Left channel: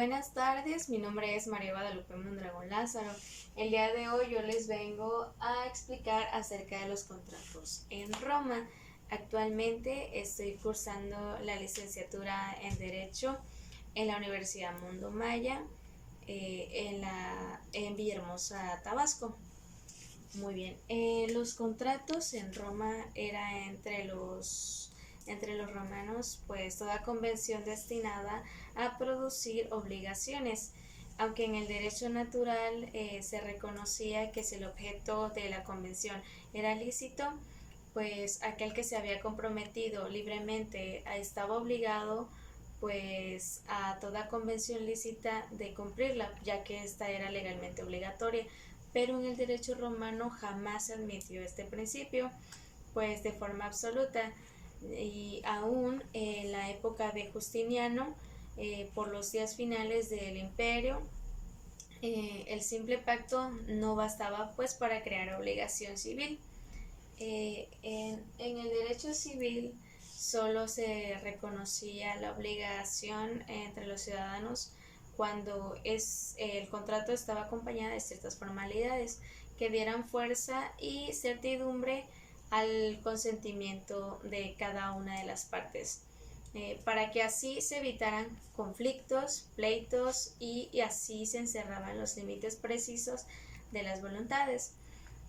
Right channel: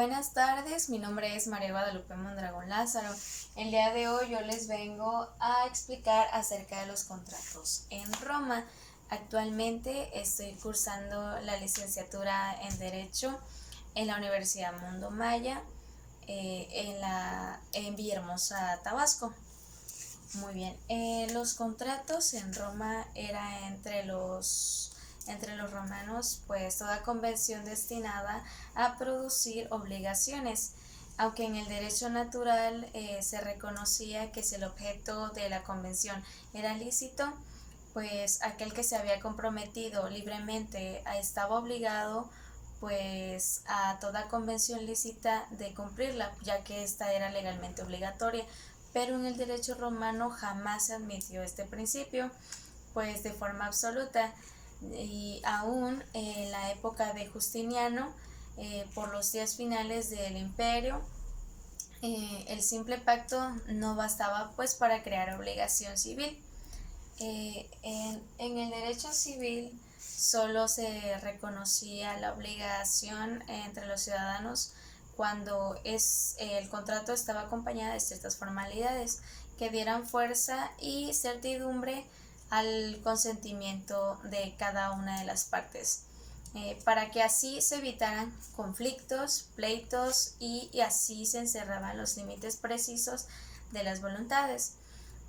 Buenas tardes, mi nombre es María Guadalupe Mondragón Lázaro. El día de hoy yo les vengo a explicar acerca de los contratos en Roma. Actualmente estoy cursando la licenciatura en Derecho en la Universidad Mundo Maya, en Villahermosa, Tabasco. Muy bien, los contratos en Roma era entre los romanos, pues toda convención destinada a producir obligaciones, aunque en el derecho natural se reconocía que si el objeto de la convención era lícito, pues aquel que se había comprometido libremente estaba obligado pues a toda convención lícita de cumplirla, ya que esta era legalmente obligatoria. Pero en el derecho romano jamás se admitió este principio, pues de forma absoluta, y aún en la época de Justiniano, por los días finales del imperio, el simple pacto no bastaba pues para crear obligación civil. En el derecho civil solo se reconocía la obligación entre los ciudadanos cuando el contrato estaba acompañado de ciertas formalidades que dieran fuerza y certidumbre al consentimiento de cada una de las partes, para que así se evitaran conflictos, pleitos y así se encerraban los límites precisos de las voluntades.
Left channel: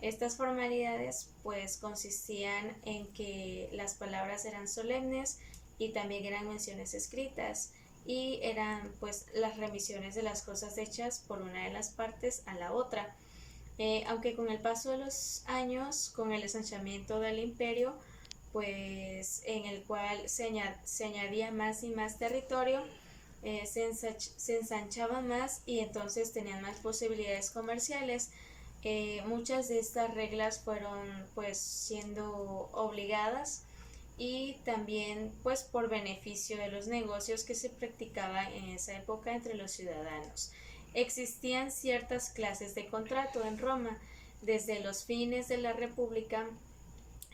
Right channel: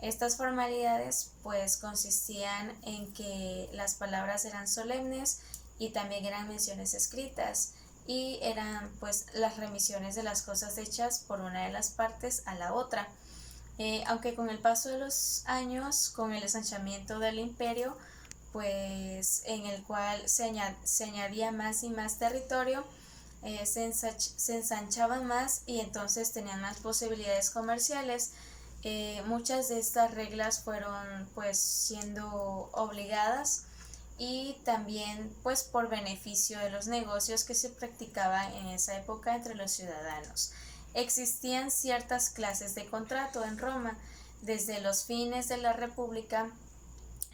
Estas formalidades pues consistían en que las palabras eran solemnes y también eran menciones escritas y eran pues las remisiones de las cosas hechas por una de las partes a la otra. Aunque con el paso de los años, con el ensanchamiento del imperio, pues en el cual se añadía más y más territorio, se ensanchaban más y entonces tenían más posibilidades comerciales. Muchas de estas reglas fueron pues siendo obligadas y también pues por beneficio de los negocios que se practicaban en esa época entre los ciudadanos. Existían ciertas clases de contrato en Roma. Desde los fines de la República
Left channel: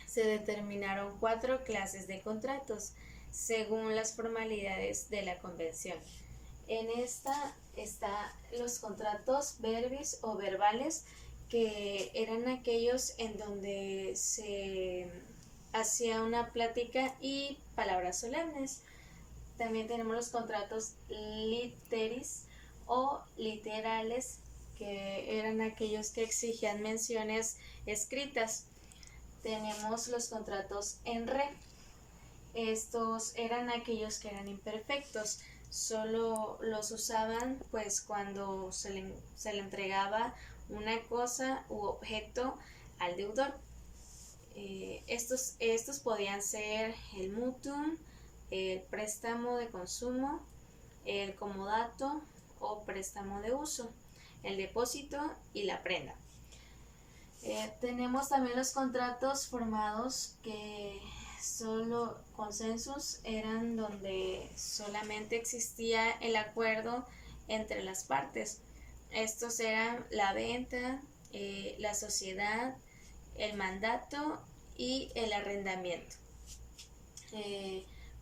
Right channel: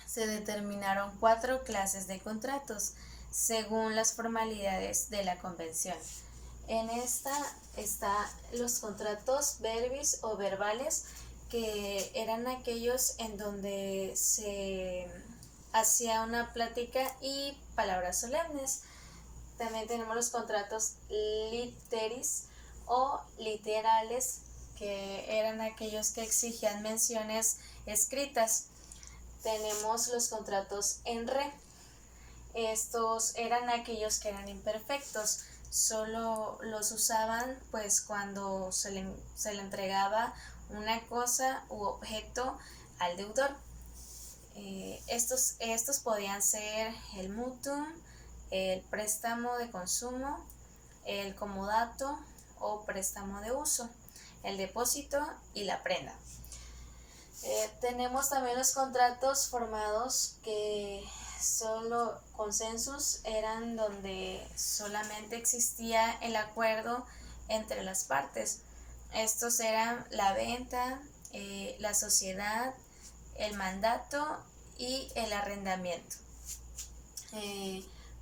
se determinaron 4 clases de contratos según las formalidades de la convención. En esta están los contratos verbis o verbales, que eran aquellos en donde se hacía una plática y palabras solemnes. También tenemos los contratos literis o literales, que eran aquellos que exigían menciones escritas. Tenemos los contratos en re. Estos eran aquellos que eran imperfectos, solo los usaban pues cuando se le entregaba una cosa u objeto al deudor. Estos podían ser el mutuum, el préstamo de consumo, el comodato o préstamo de uso, el depósito y la prenda. Tenemos también los contratos formados, que solo consensus eran donde solamente existía el acuerdo entre las partes. Estos eran la venta, la sociedad, el mandato y el arrendamiento.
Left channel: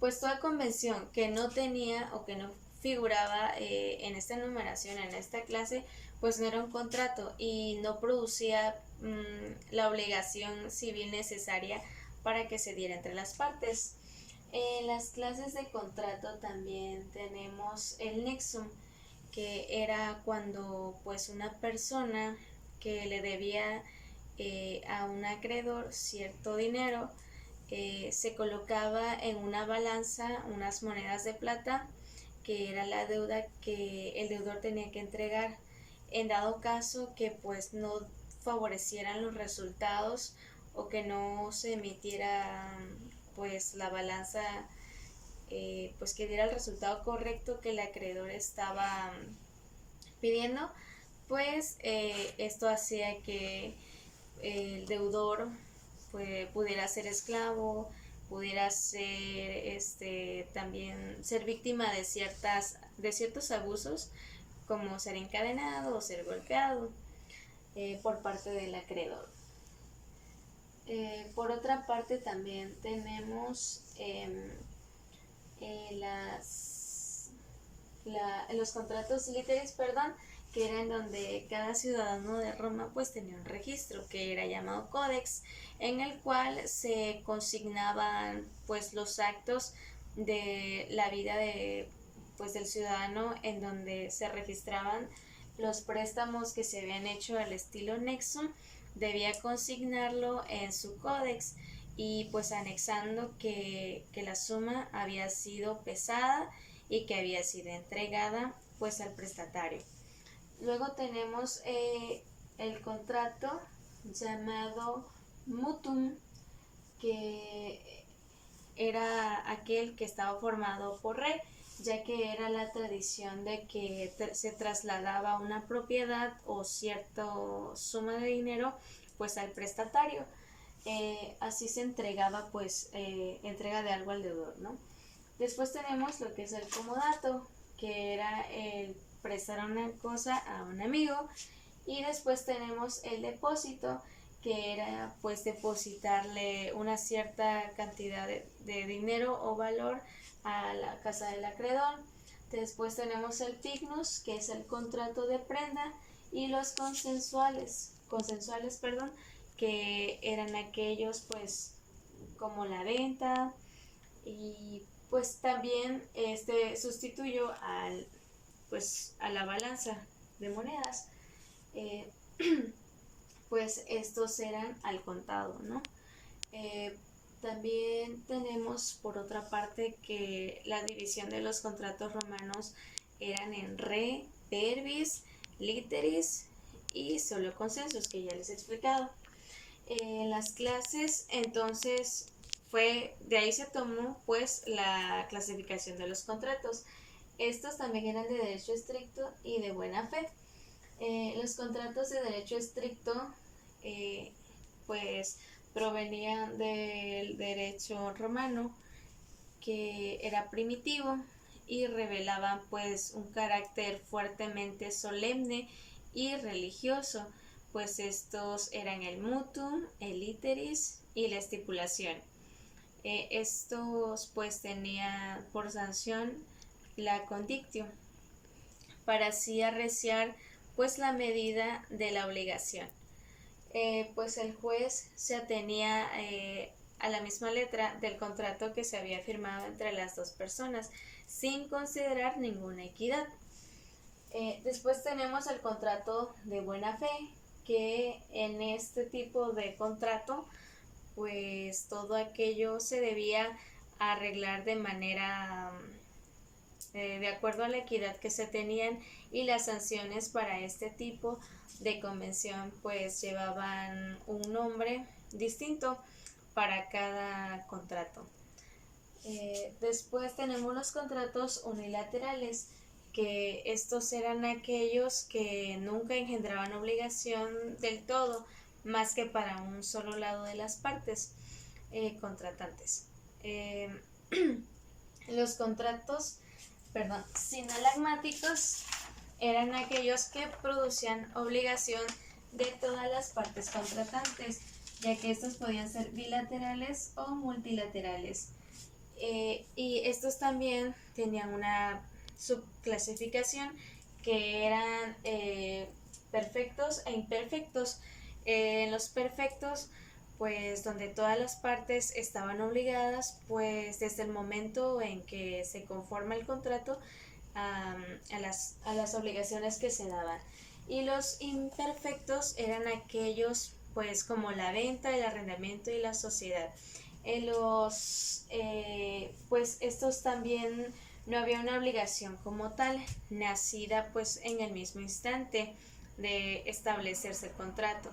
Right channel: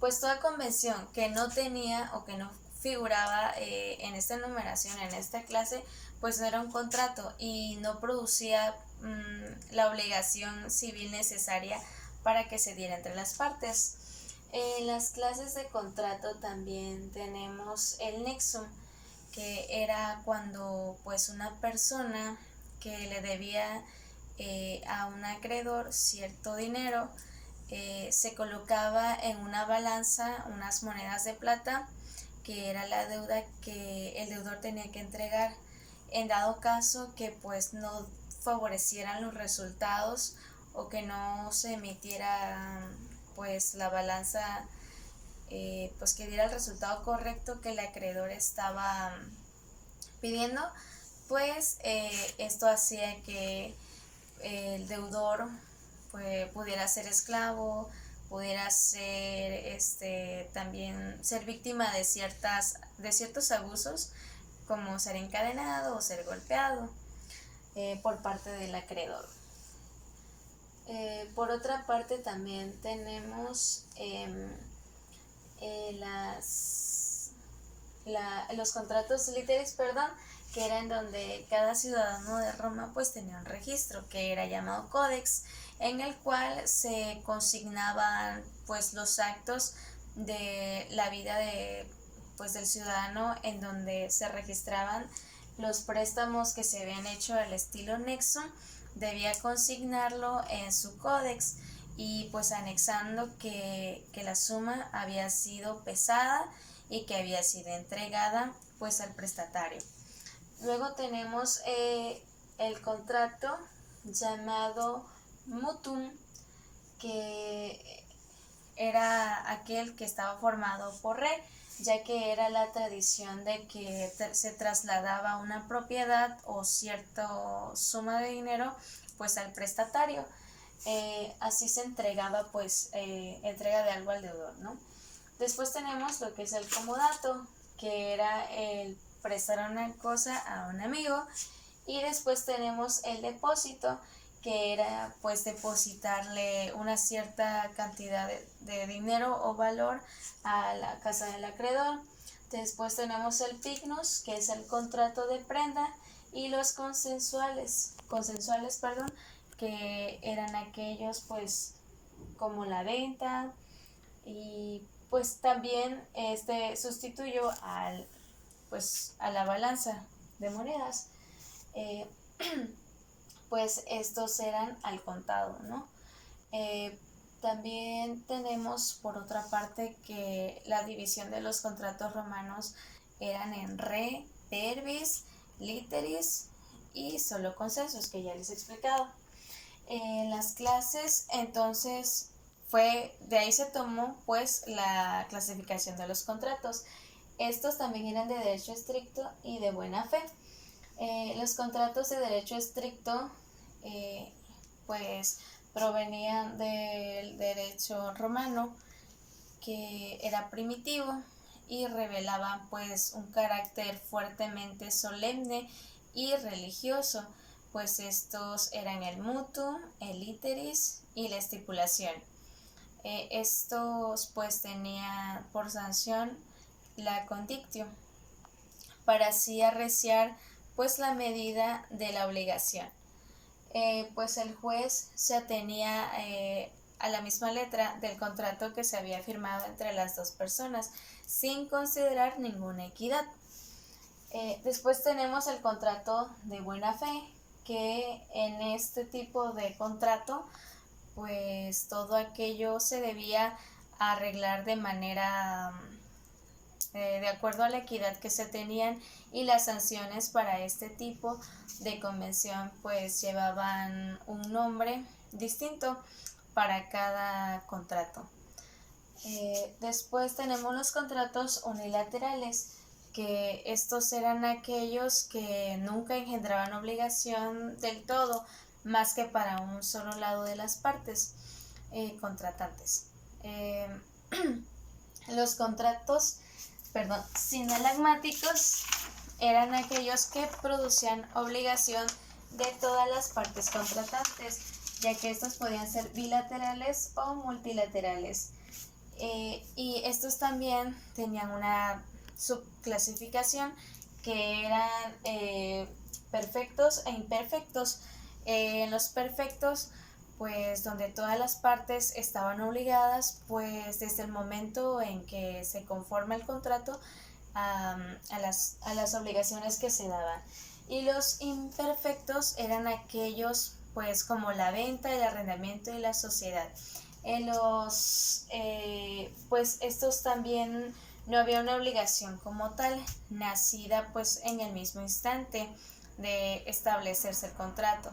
Pues toda convención que no tenía o que no figuraba en esta enumeración, en esta clase, pues no era un contrato y no producía la obligación civil necesaria para que se diera entre las partes. En las clases de contrato también tenemos el nexum, que era cuando pues una persona que le debía a un acreedor cierto dinero, se colocaba en una balanza unas monedas de plata, que era la deuda que el deudor tenía que entregar, en dado caso que pues no favorecieran los resultados o que no se emitiera pues la balanza, pues que diera el resultado correcto que el acreedor estaba pidiendo. Pues esto hacía que el deudor pues pudiera ser esclavo, pudiera ser también ser víctima de ciertos abusos, como ser encadenado o ser golpeado por parte del acreedor. Por otra parte también tenemos los contratos literis, perdón, que eran donde cada ciudadano de Roma pues tenía un registro que era llamado Codex, en el cual se consignaban pues los actos de la vida de pues del ciudadano, en donde se registraban los préstamos que se habían hecho al estilo Nexo. Debía consignarlo en su códex y pues anexando que la suma había sido pesada y que había sido entregada pues al prestatario. Luego tenemos el contrato llamado mutum, que era aquel que estaba formado por re, ya que era la tradición de que se trasladaba una propiedad o cierta suma de dinero pues al prestatario. Así se entregaba pues entrega de algo al deudor, ¿no? Después tenemos lo que es el comodato, que era el prestar una cosa a un amigo. Y después tenemos el depósito, que era pues depositarle una cierta cantidad de dinero o valor a la casa del acreedor. Después tenemos el pignus, que es el contrato de prenda, y los consensuales, perdón, que eran aquellos pues como la venta. Y pues también este sustituyó a la balanza de monedas. eh, pues estos eran al contado, ¿no? También tenemos por otra parte que la división de los contratos romanos eran en re, verbis, literis y solo consensus, que ya les he explicado. En las clases entonces de ahí se tomó pues la clasificación de los contratos. Estos también eran de derecho estricto y de buena fe. Los contratos de derecho estricto pues provenían del derecho romano, que era primitivo y revelaban pues un carácter fuertemente solemne y religioso, pues estos eran el mutuum, el literis y la estipulación. Estos pues tenían por sanción la condictio, para así arreciar pues la medida de la obligación. Pues el juez se atenía a la misma letra del contrato que se había firmado entre las dos personas, sin considerar ninguna equidad. Después tenemos el contrato de buena fe, que en este tipo de contrato pues todo aquello se debía arreglar de manera de acuerdo a la equidad que se tenían, y las sanciones para este tipo de convención pues llevaban un nombre distinto para cada contrato. Después tenemos los contratos unilaterales, que estos eran aquellos que nunca engendraban obligación del todo, más que para un solo lado de las partes contratantes. Los contratos sinalagmáticos eran aquellos que producían obligación de todas las partes contratantes, ya que estos podían ser bilaterales o multilaterales. Y estos también tenían una subclasificación, que eran perfectos e imperfectos. En los perfectos, pues donde todas las partes estaban obligadas, pues desde el momento en que se conforma el contrato a las obligaciones que se daban. Y los imperfectos eran aquellos pues como la venta, el arrendamiento y la sociedad. En pues estos también no había una obligación como tal, nacida pues en el mismo instante de establecerse el contrato.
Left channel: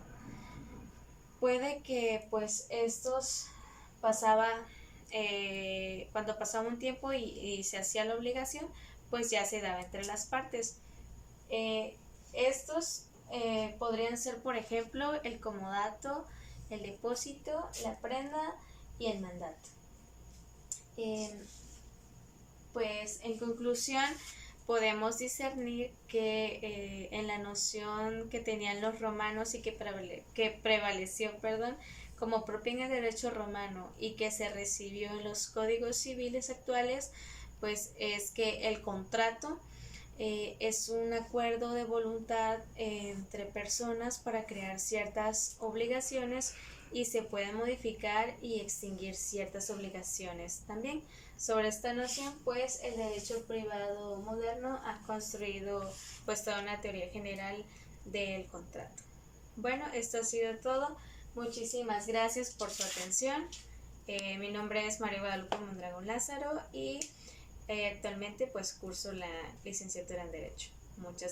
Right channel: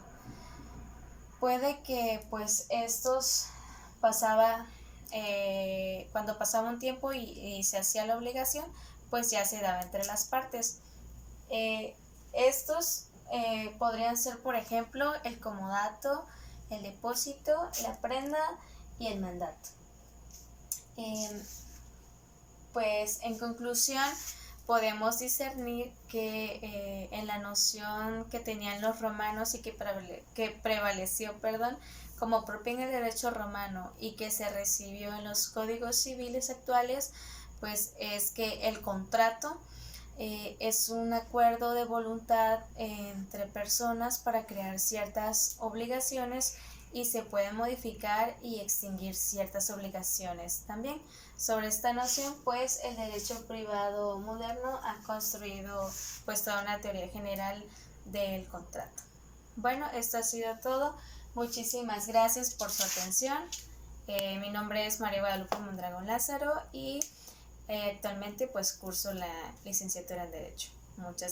Puede que pues estos cuando pasaba un tiempo y se hacía la obligación, pues ya se daba entre las partes. Estos podrían ser, por ejemplo, el comodato, el depósito, la prenda y el mandato. Pues en conclusión, podemos discernir que en la noción que tenían los romanos y que prevaleció como propia en el derecho romano y que se recibió en los códigos civiles actuales, pues es que el contrato es un acuerdo de voluntad entre personas para crear ciertas obligaciones y se pueden modificar y extinguir ciertas obligaciones también. Sobre esta noción, pues el derecho privado moderno ha construido pues toda una teoría general del contrato. Bueno, esto ha sido todo. Muchísimas gracias por su atención. Mi nombre es María Guadalupe Mondragón Lázaro y actualmente pues curso la licenciatura en Derecho. Muchas gracias.